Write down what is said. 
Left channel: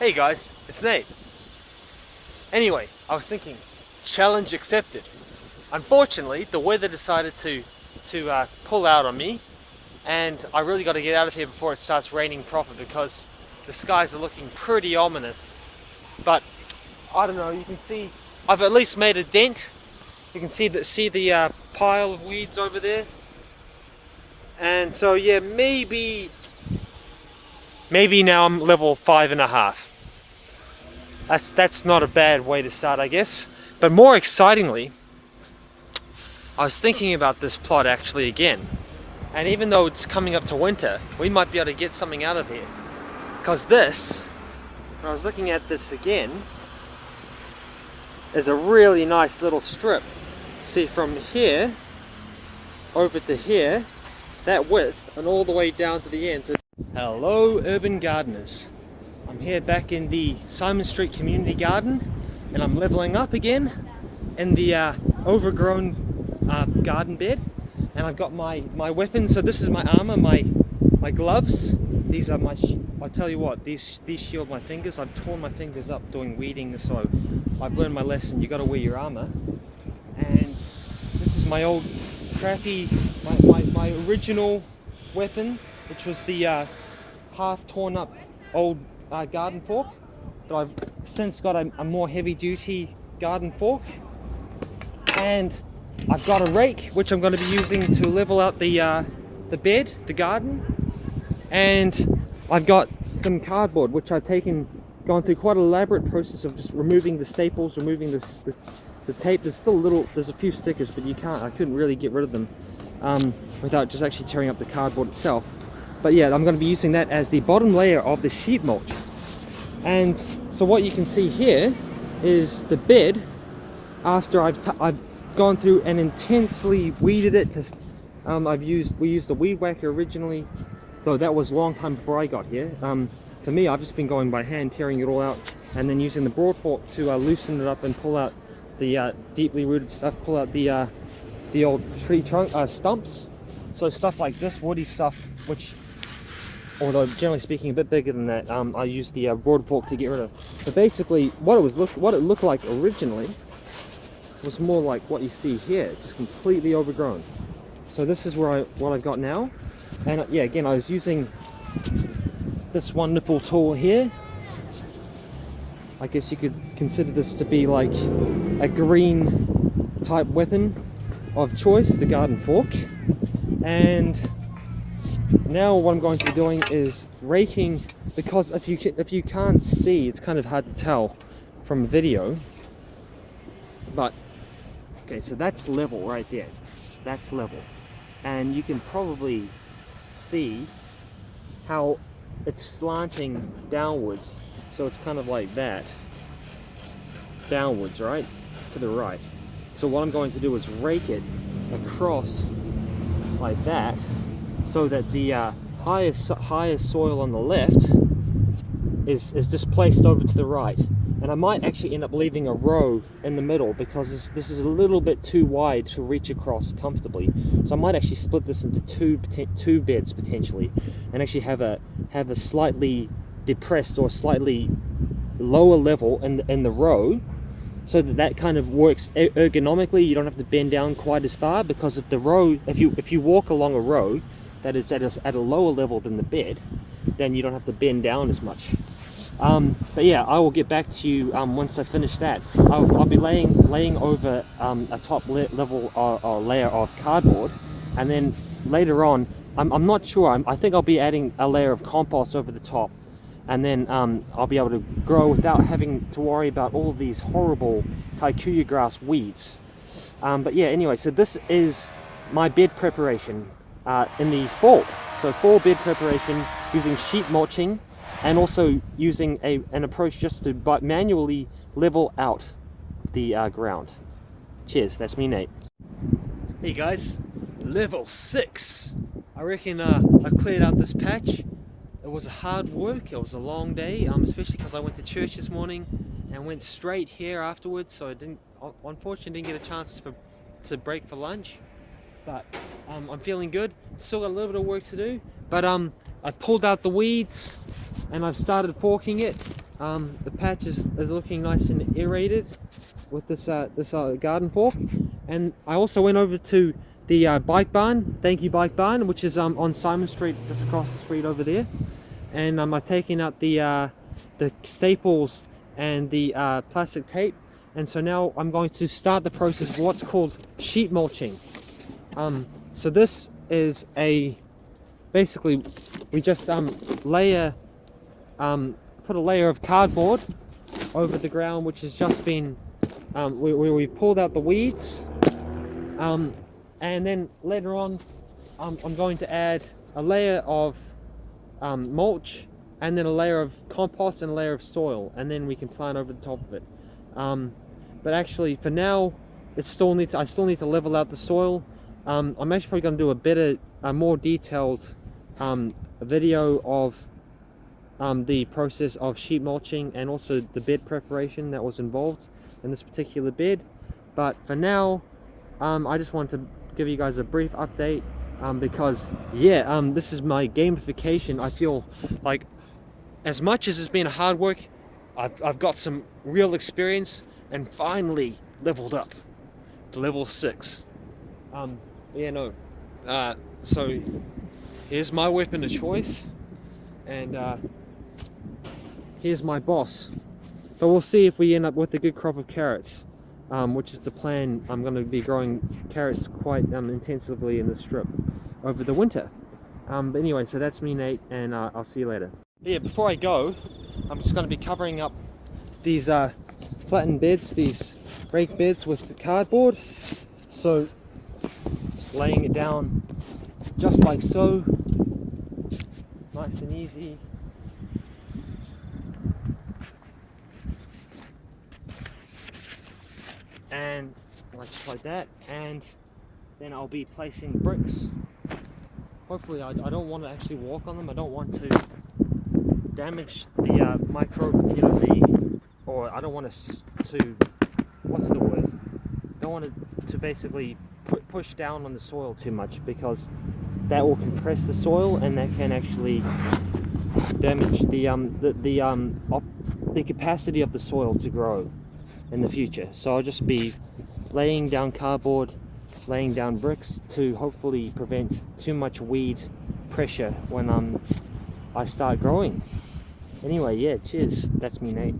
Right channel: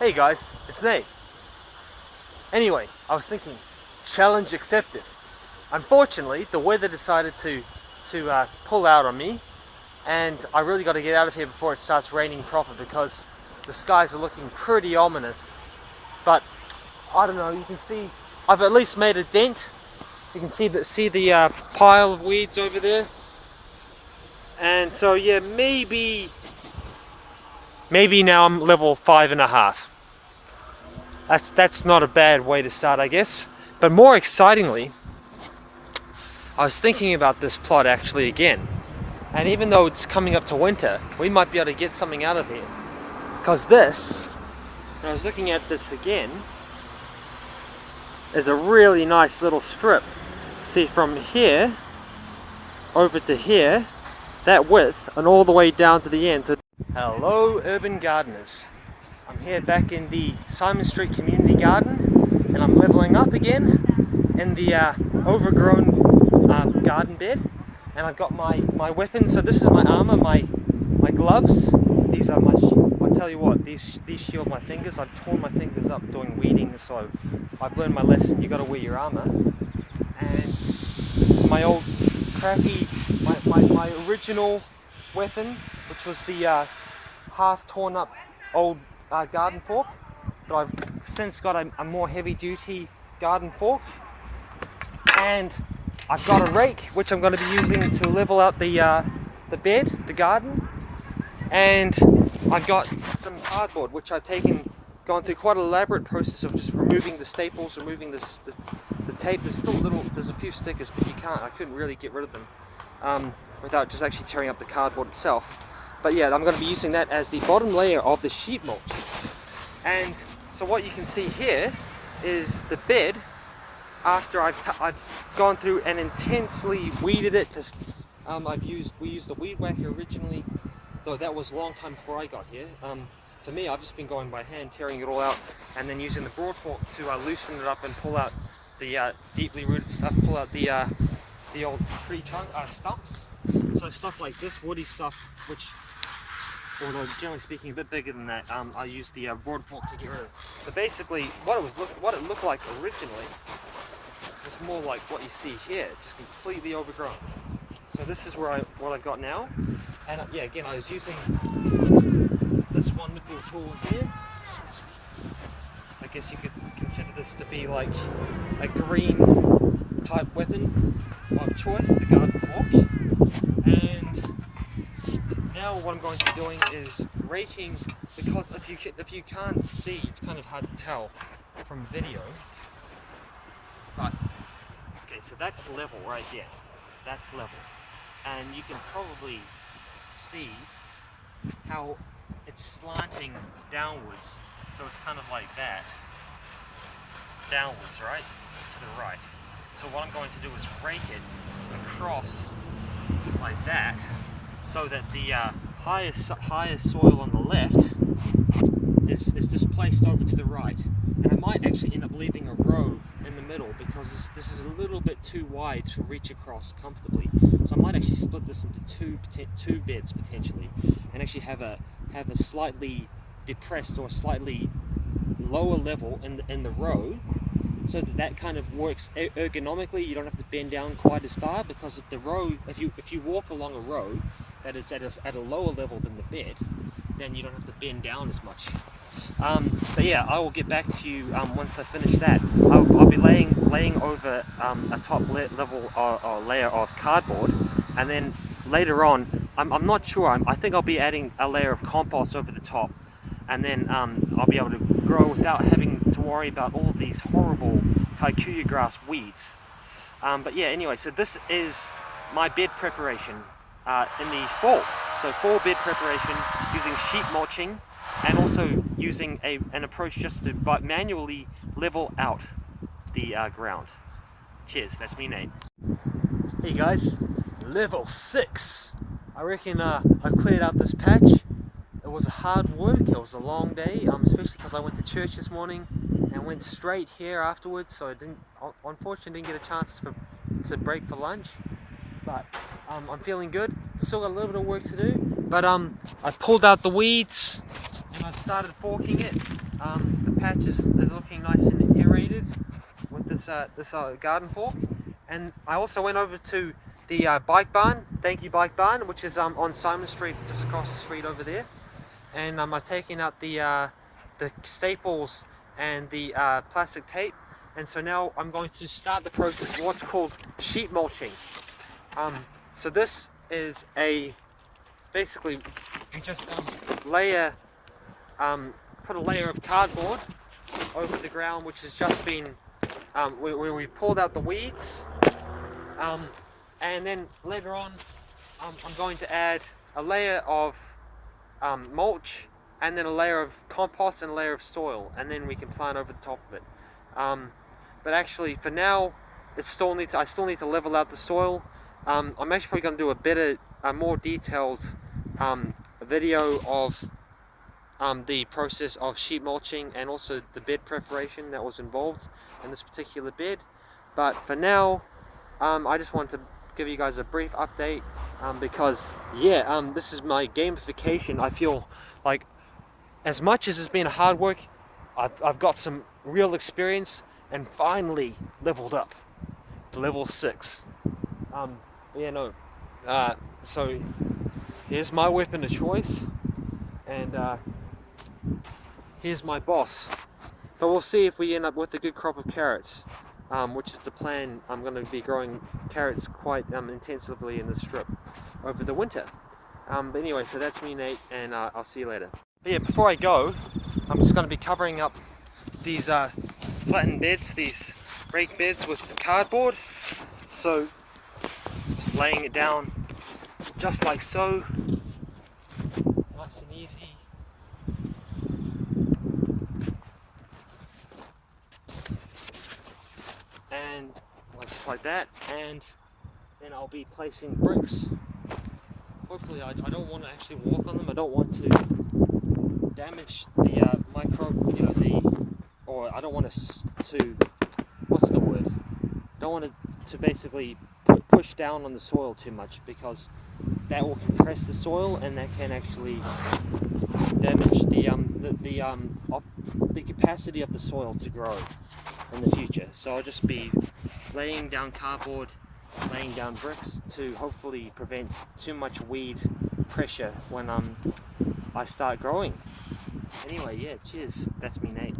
Hey guys, it's Nate. Anyway, I was thinking, challenge accepted. Unfortunately, the weather decided to pull out on me, and I really got to get out of here before it starts raining proper because the skies are looking pretty ominous. But I don't know. You can see I've at least made a dent. You can see the pile of weeds over there, and so yeah, maybe now I'm level 5.5. That's not a bad way to start, I guess. But more excitingly, I was thinking about this plot actually again. And even though it's coming up to winter, we might be able to get something out of here. Because this, when I was looking at this again, is a really nice little strip. See, from here over to here, that width, and all the way down to the end. So, hello, urban gardeners. I'm here back in the Simon Street Community Garden, and I'm leveling up again in the overgrown garden bed. And I've got my weapons. So this is my armor, my gloves. These are I'll tell you what, these shield my fingers. I've torn my fingers up doing weeding, so I've learned my lesson. You got to wear your armor. And this is my old crappy, my original weapon, which was the half torn up old garden fork, but I've since got a more heavy duty garden fork, and I've got a rake which I'm going to be using to level out the bed, the garden, and I've got some cardboard which I've gone through quite an elaborate process of just removing the staples, removing the tape. There's a few stickers, but I couldn't really get rid of them without just actually tearing up the cardboard itself. But yeah, I'm going to be using that as the bottom layer of the sheet mulch. And so what you can see here is the bed after I've gone through and intensely weeded it. We used a weed whacker originally, though that was a long time before I got here. For me, I've just been going by hand, tearing it all out, and then using the broad fork to loosen it up and pull out the deeply rooted stuff, pull out the old tree stumps. So stuff like this woody stuff, which, although generally speaking a bit bigger than that, I used the broad fork to get rid of. But basically, what it looked like originally was more like what you see here, just completely overgrown. So this is what I've got now, and yeah, again, I was using this wonderful tool here. I guess you could consider this to be like a green type weapon of choice, the garden fork. And now what I'm going to be doing is raking, because if you can't see, it's kind of hard to tell from a video, but okay, so that's level right there. That's level, and you can probably see how it's slanting downwards, so it's kind of like that, downwards, right, to the right. So what I'm going to do is rake it across like that, so that the higher soil on the left is displaced over to the right. And I might actually end up leaving a row in the middle, because this is a little bit too wide to reach across comfortably. So I might actually split this into two beds potentially, and actually have a slightly depressed or slightly lower level in the row, so that kind of works ergonomically. You don't have to bend down quite as far, because if you walk along a row that is at a lower level than the bed, then you don't have to bend down as much. But yeah, I will get back to you once I finish that. I'll be laying over a top level layer of cardboard, and then later on, I'm not sure, I think I'll be adding a layer of compost over the top, and then I'll be able to grow without having to worry about all of these horrible Kikuyu grass weeds. But yeah, anyway, so this is my bed preparation in the fall. So fall bed preparation using sheet mulching, and also using an approach just to manually level out the ground. Cheers, that's me, Nate. Hey guys, level 6. I reckon I cleared out this patch. It was hard work, it was a long day, especially because I went to church this morning and went straight here afterwards, so I unfortunately didn't get a chance to break for lunch. But I'm feeling good. Still got a little bit of work to do, but I pulled out the weeds and I've started forking it, The patch is looking nice and aerated with this garden fork. And I also went over to the bike barn, thank you bike barn, which is on Simon Street, just across the street over there. And I've taken out the staples and the plastic tape, and so now I'm going to start the process of what's called sheet mulching. So this is basically we just layer put a layer of cardboard over the ground, which has just been where we pulled out the weeds, and then later on I'm going to add a layer of mulch, and then a layer of compost and a layer of soil, and then we can plant over the top of it. But actually for now I still need to level out the soil. I'm actually going to do a better, more detailed video of the process of sheet mulching and also the bed preparation that was involved in this particular bed. But for now, I just wanted to give you guys a brief update, because yeah, this is my gamification. I feel like as much as it's been hard work, I've got some real experience and finally leveled up to level 6. Yeah, no. So here's my weapon of choice, and here's my boss. But we'll see if we end up with a good crop of carrots, which is the plan. I'm going to be growing carrots quite intensively in this strip over the winter. But anyway, so that's me, Nate, and I'll see you later. But yeah, before I go, I'm just going to be covering up these flattened beds, these rake beds, with cardboard. So just laying it down just like so, nice and easy. And just like that, and then I'll be placing bricks. Hopefully I don't want to actually walk on them. I don't want to damage the or I don't want to what's the word? I don't want it to basically push down on the soil too much, because that will compress the soil and that can actually damage the capacity of the soil to grow in the future. So I'll just be laying down cardboard, laying down bricks to hopefully prevent too much weed pressure when I start growing. Anyway, yeah, cheers. That's me, Nate.